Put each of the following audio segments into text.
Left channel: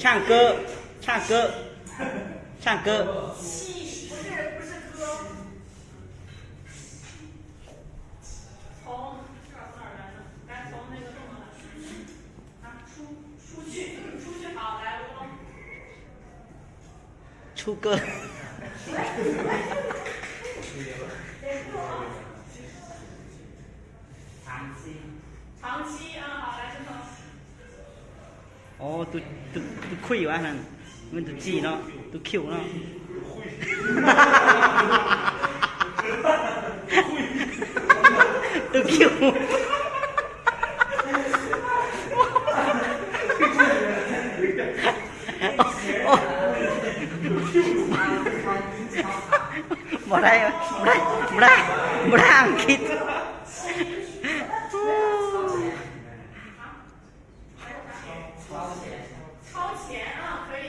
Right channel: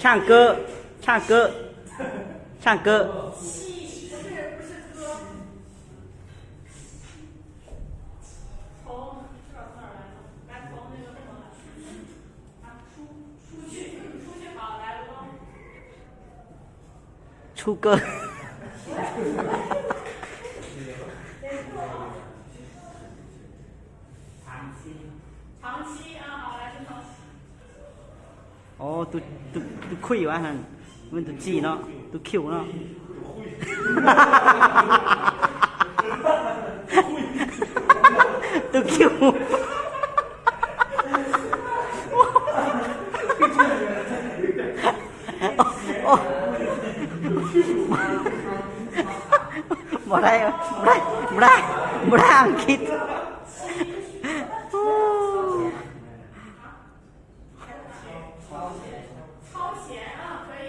唱歌，唱歌，唱歌。不是歌。从这儿哪儿来的？来从那个动作来。啊，出去，出去好，来，罗东。出歌。长期啊，好，来，陈总。哦，都亏完了，我们都记了，都 Q 了。都 Q。บ่ได้อังกฤษ超前啊，可以，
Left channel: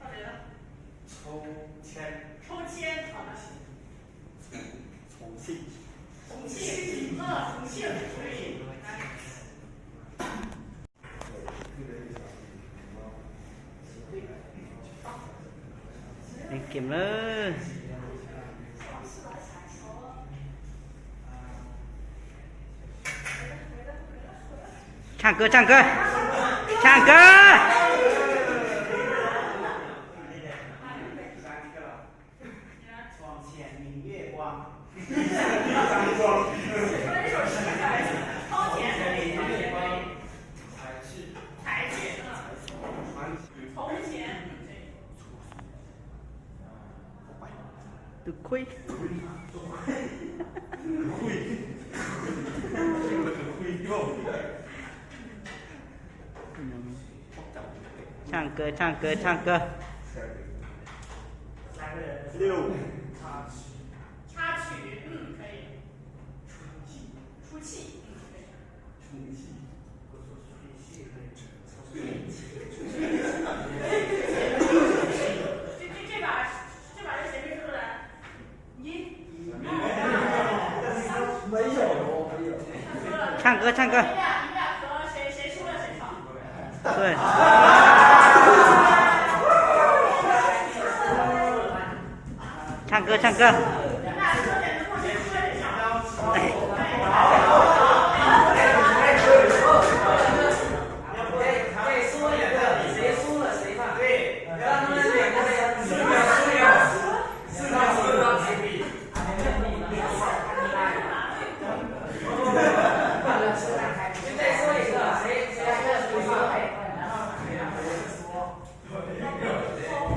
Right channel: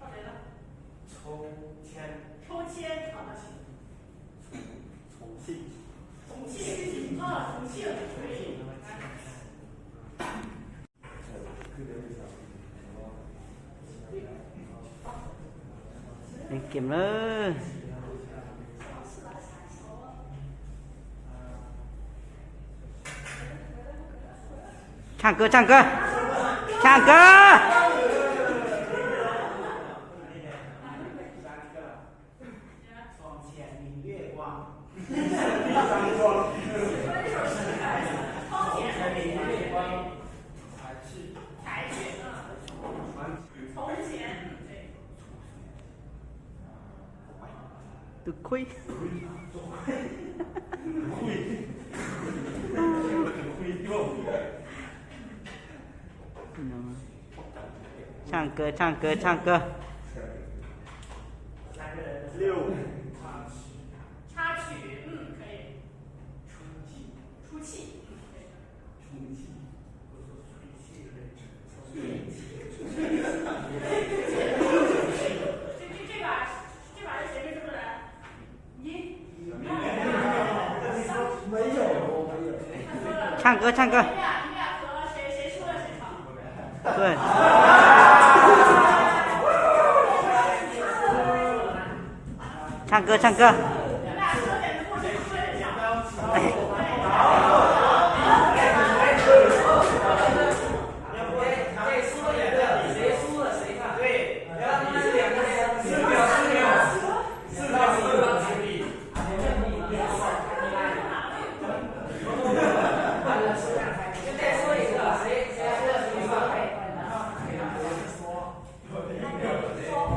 到谁了？抽签，好的。重庆，重庆，可以。เก็บเลย唱歌，唱歌，唱歌。床前明月光。才去，从前。都亏。唱歌，唱歌，唱歌。插曲，可以。出气，这把是谁没说出来？没有。唱歌，唱歌。你俩和谁输了谁唱。对。唱歌，唱歌。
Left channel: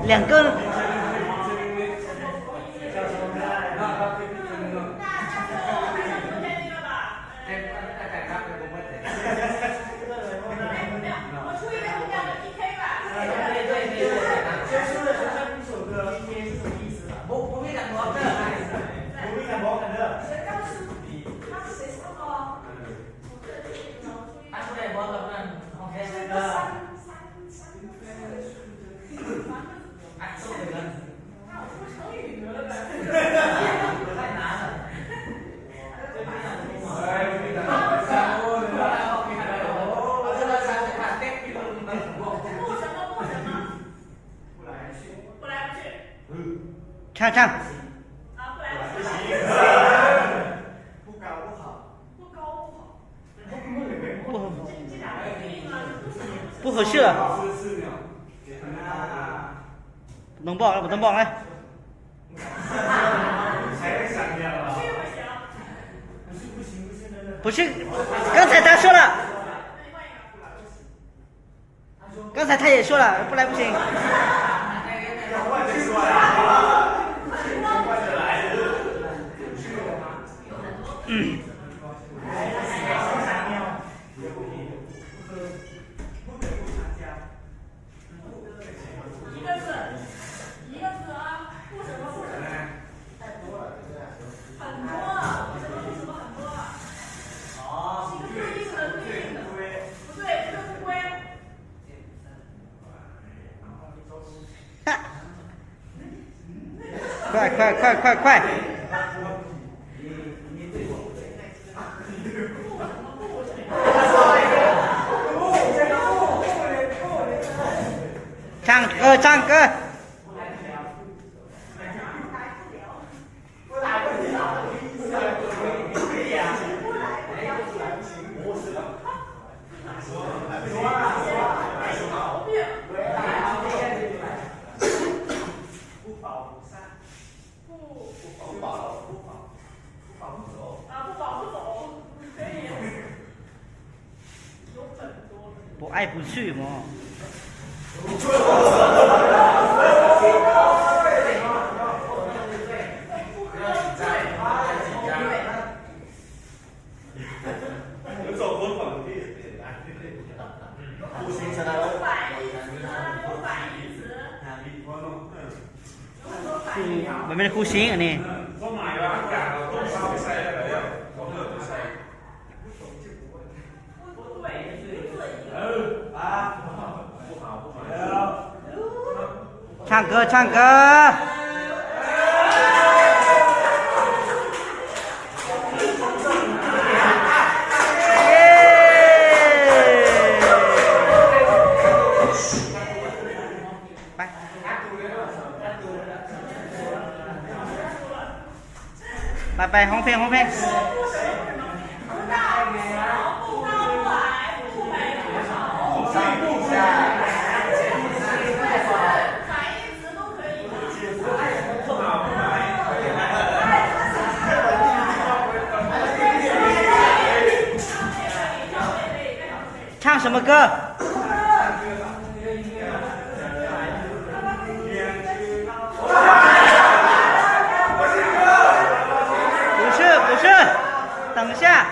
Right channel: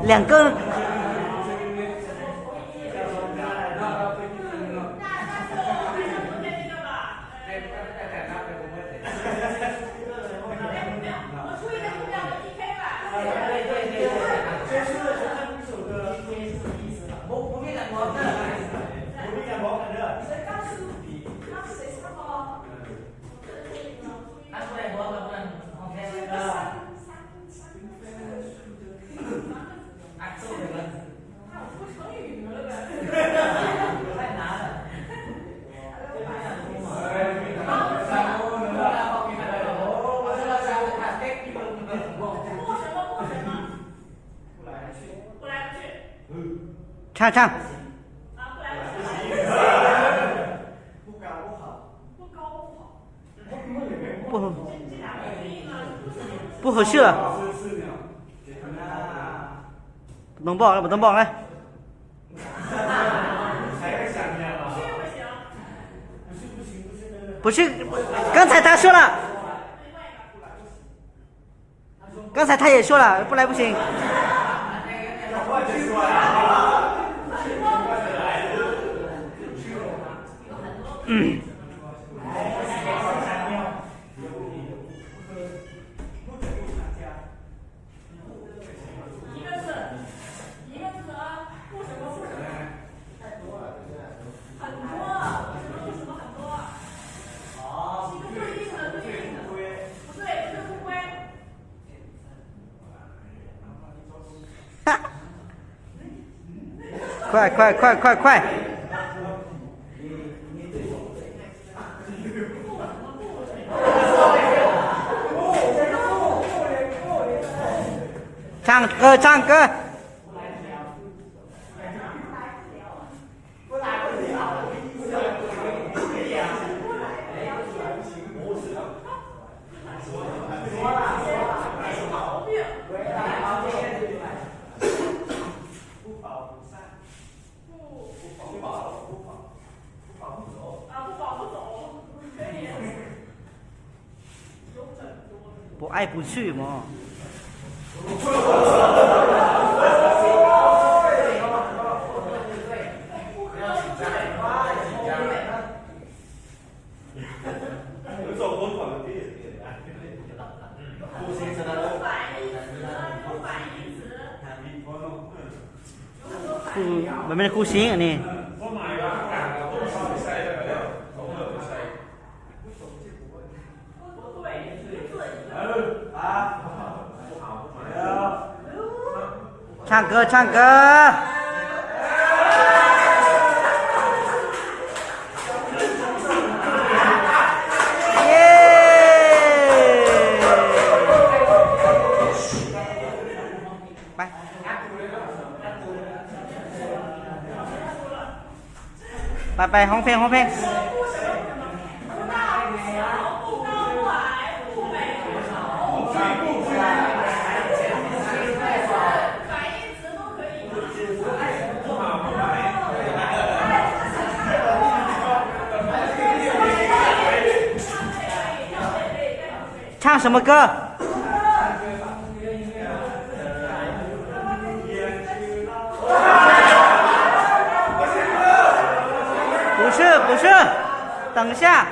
两个。唱唱。啊，不来不去。不高不好。不合适了。能报不能报来。不是，刚才他说了。刚才他也说了，不来不行。快快快快快！唱歌唱歌。不爱不去嘛。มันเป็นคู่ซิงอันนี้唱歌唱歌ไปห้องเพลงห้องเพลง唱什么歌？不是，等一下。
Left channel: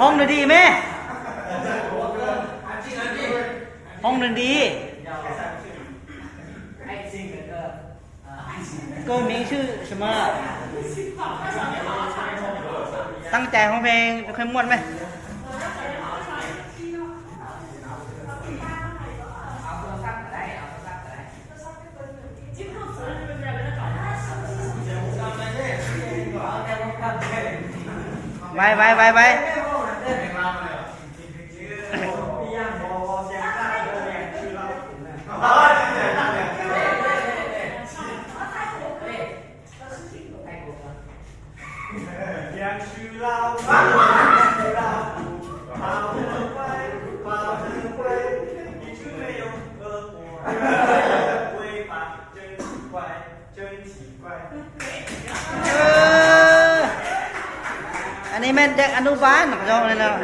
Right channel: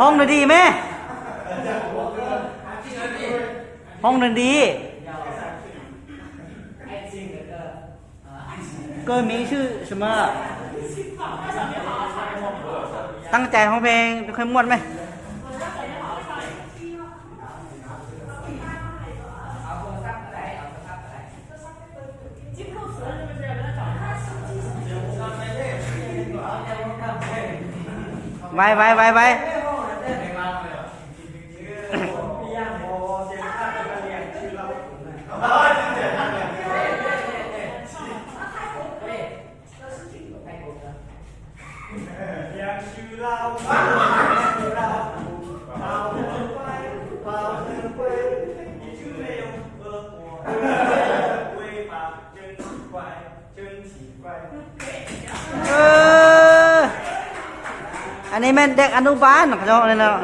ห้องดนตรีไหมห้องดนตรี歌名是什么ตั้งใจห้องเพลงเคยม้วนไหมไปอันนี้เป็นเด็กอนุบาลเนาะเนาะ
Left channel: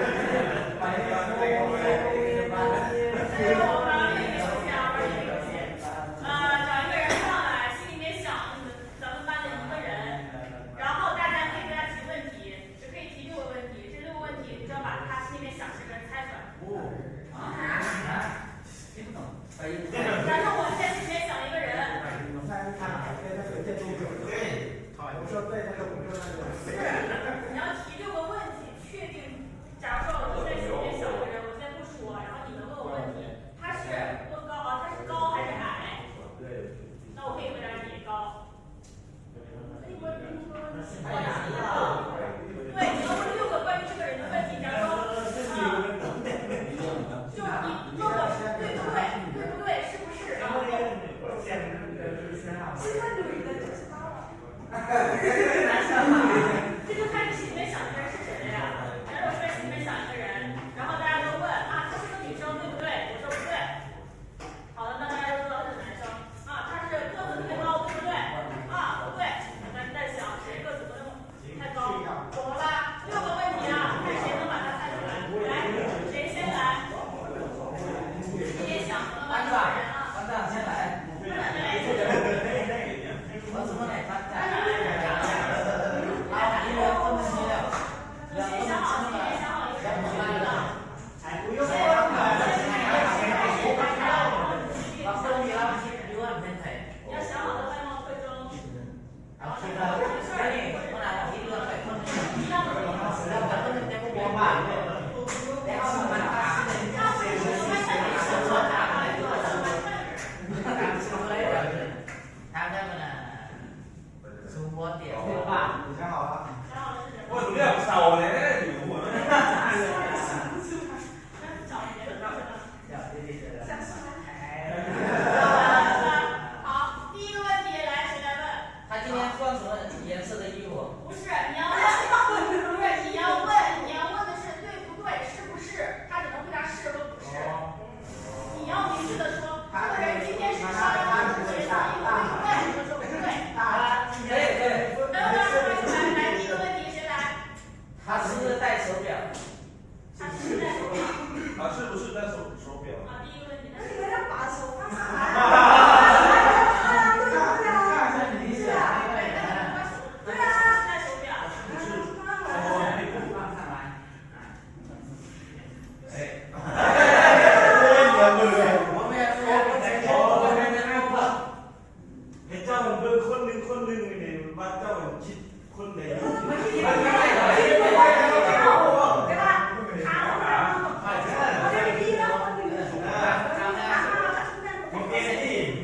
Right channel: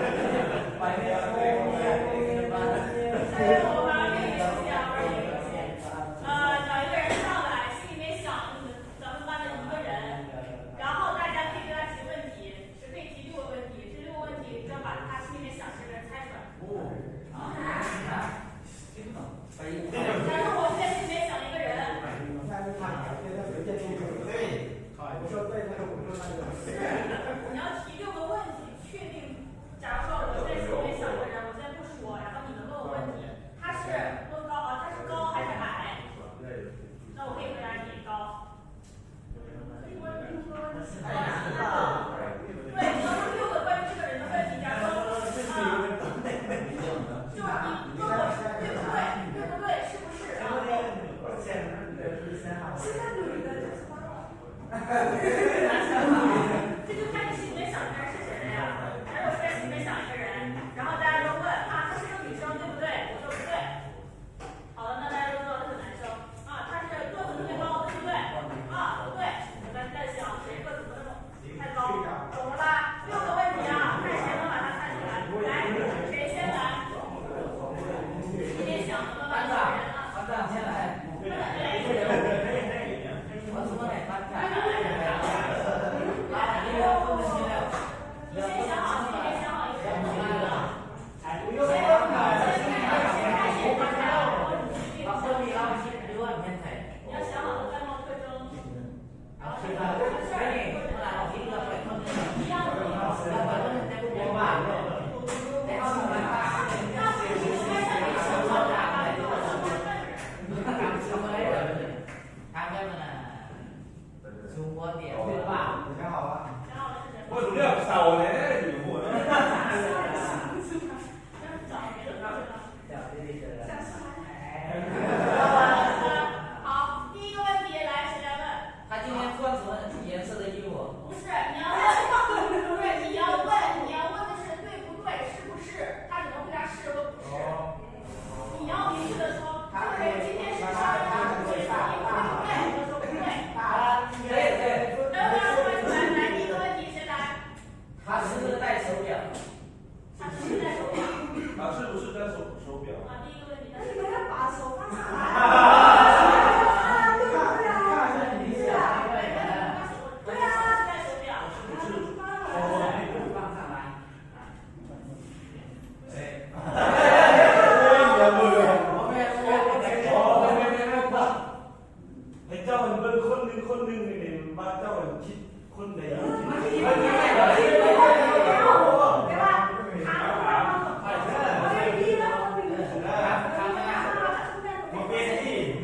คนหนึ่งนี่มาเจ้าคิดคนไหน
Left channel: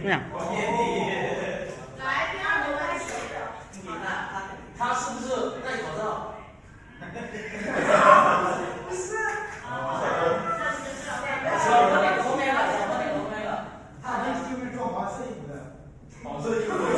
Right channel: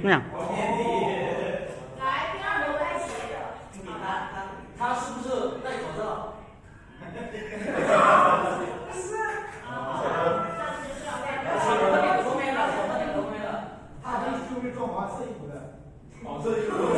เนี่ย 他是不是戴口罩？他就是做华师傅的。哦，这就是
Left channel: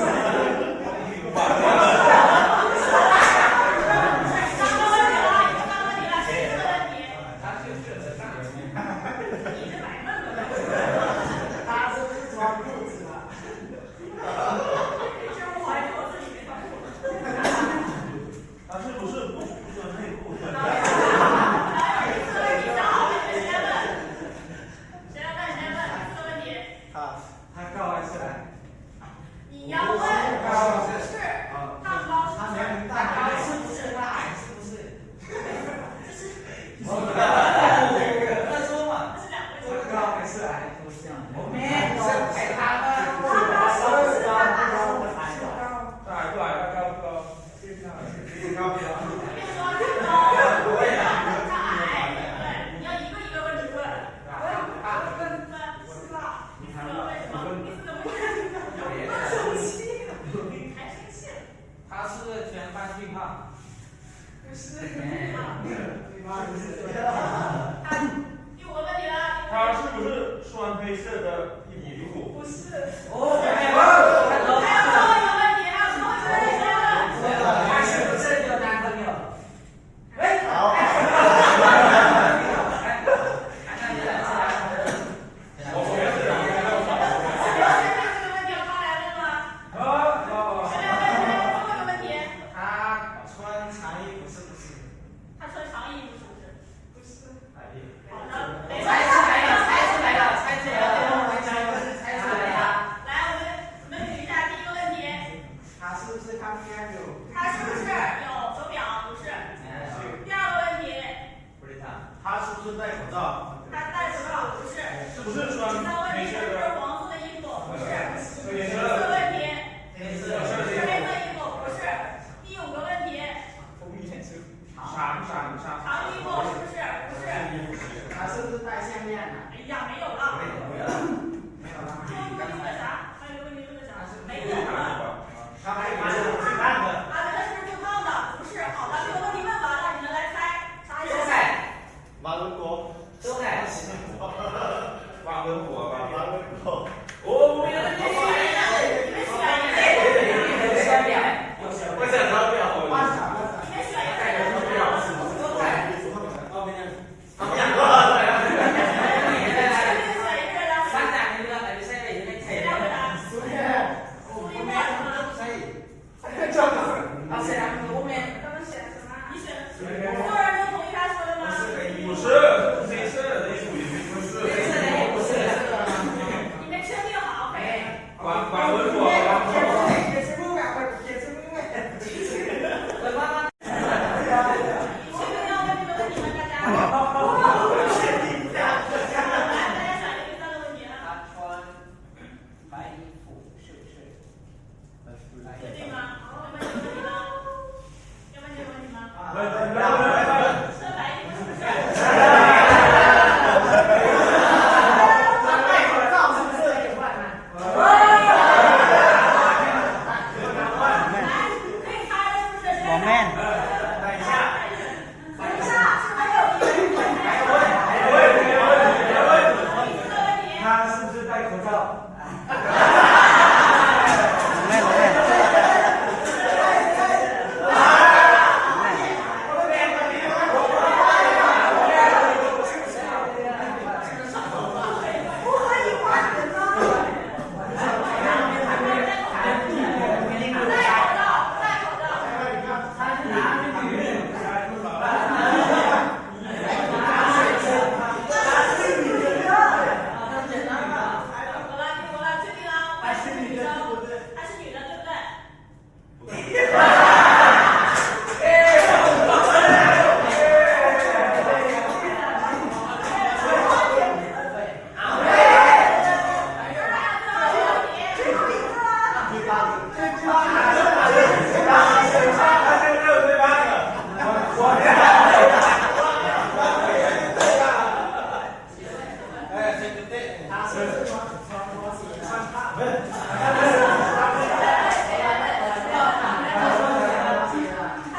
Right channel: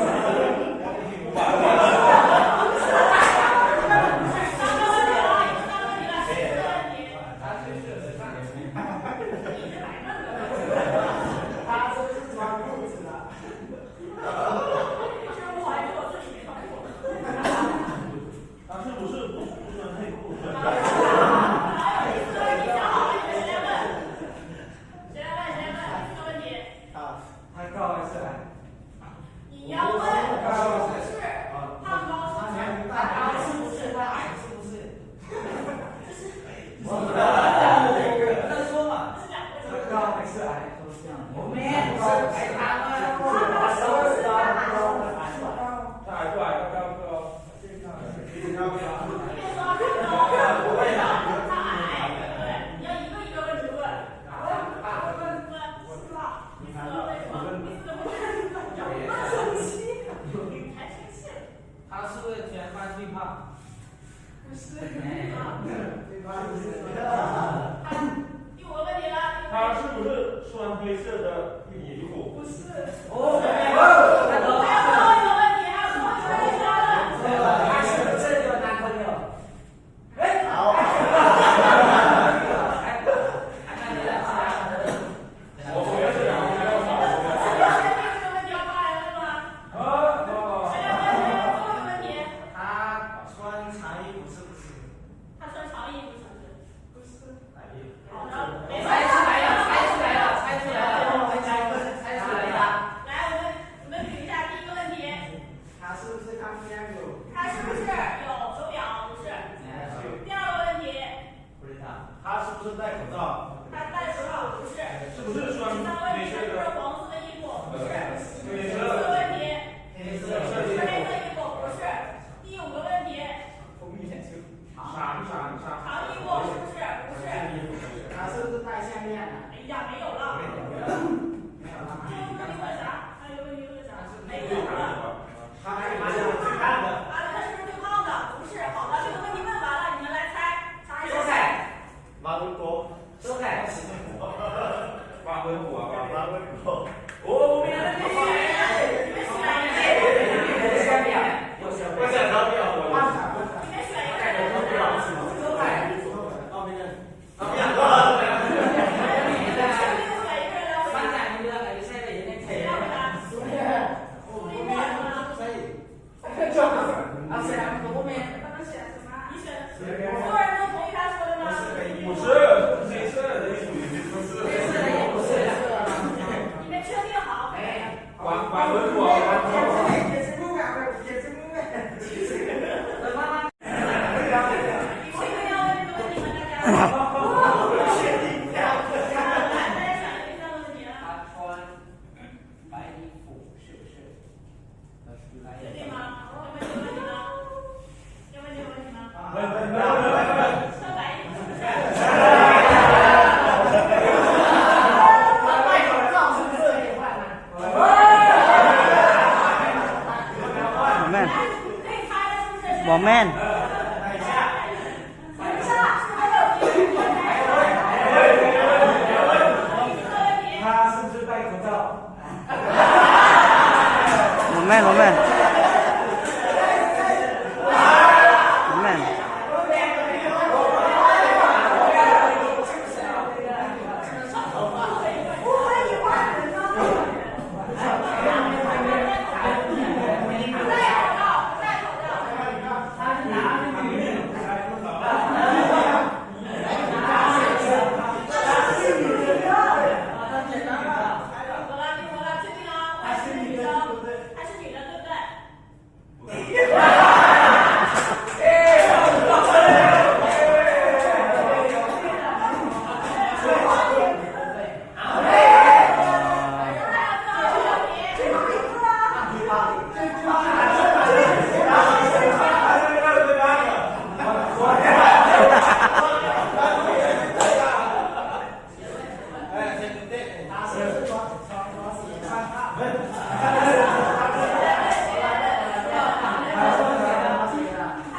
他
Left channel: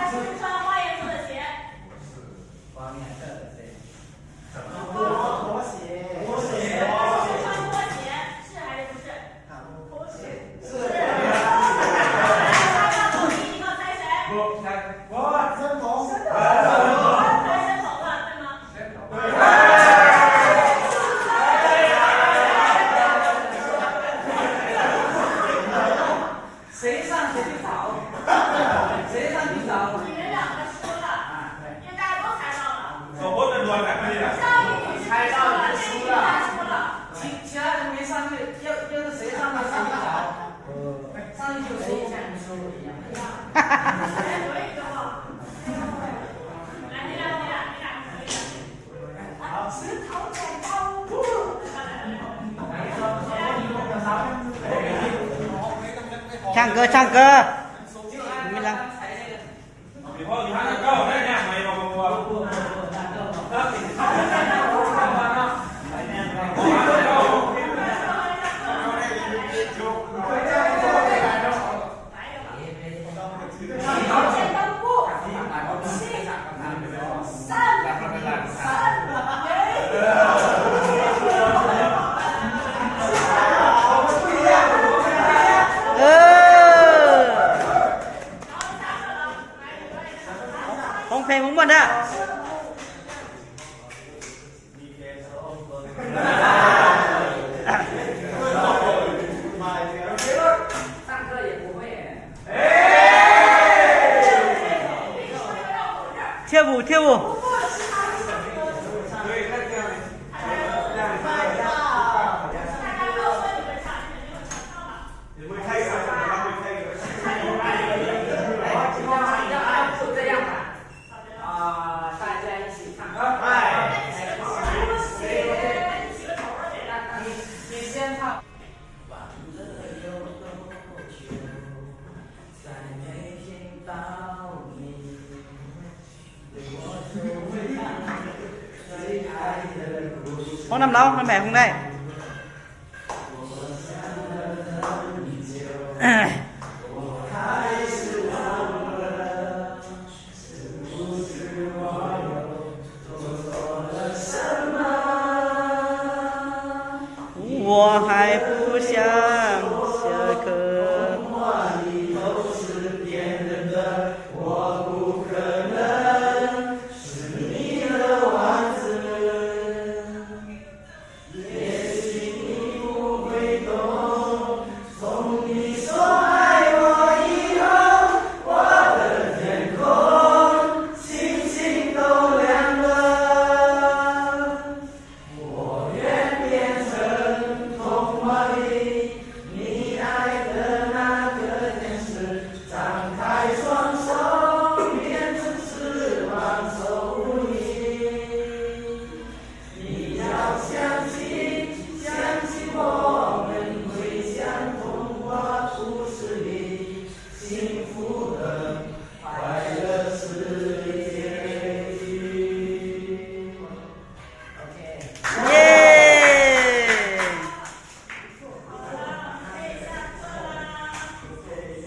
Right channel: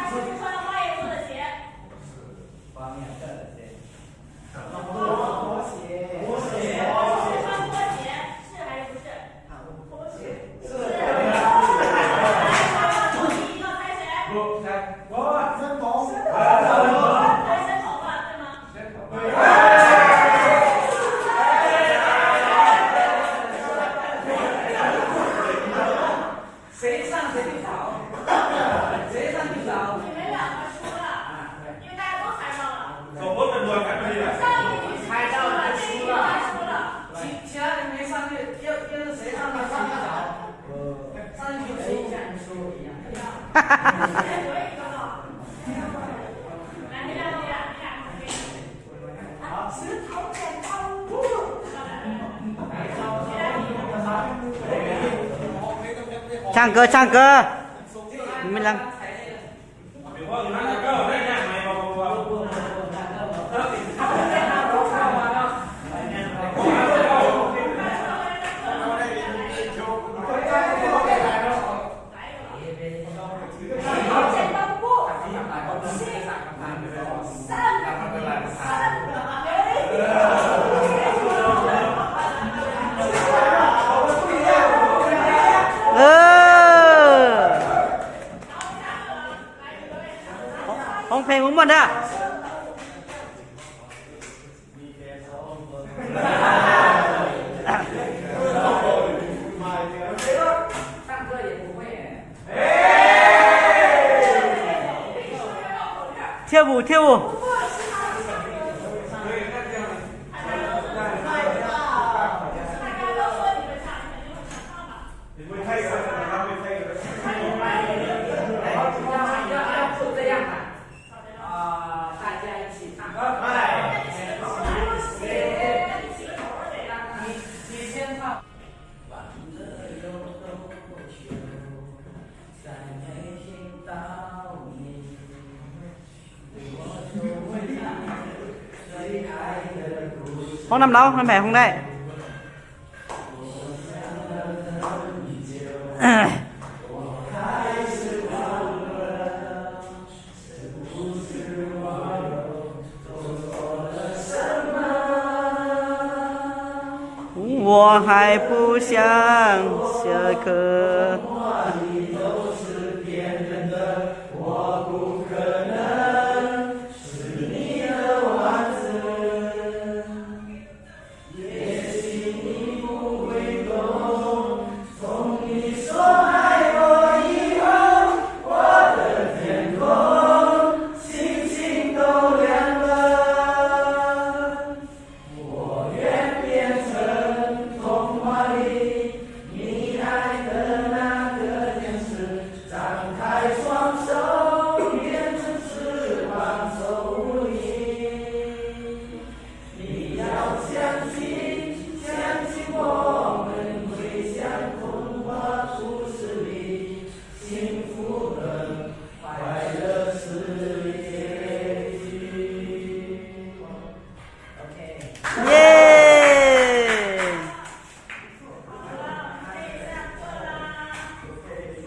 是不穿花颜色的鞋。方面的对。拖鞋。拖鞋。穿拖鞋是还是不是？拖鞋。是。要统一一个猜谁？不，我认同。猜申童了，对吗？对。谁上谁去找？谁上去找？你们两个输了，因为大家都猜到了。我怎么才可以啊？上一局是猜到了，这一局他输了。其他人没上去，要是谁上去谁去找？上去就输，下去输一样。还有一个哈。来，你俩。好，石头剪刀布。唱歌唱歌，你们俩。ของเพลงของมันอะ跳舞跳舞。Không nằm đâu, năm mẹ không đây. Tôi 还不想下课。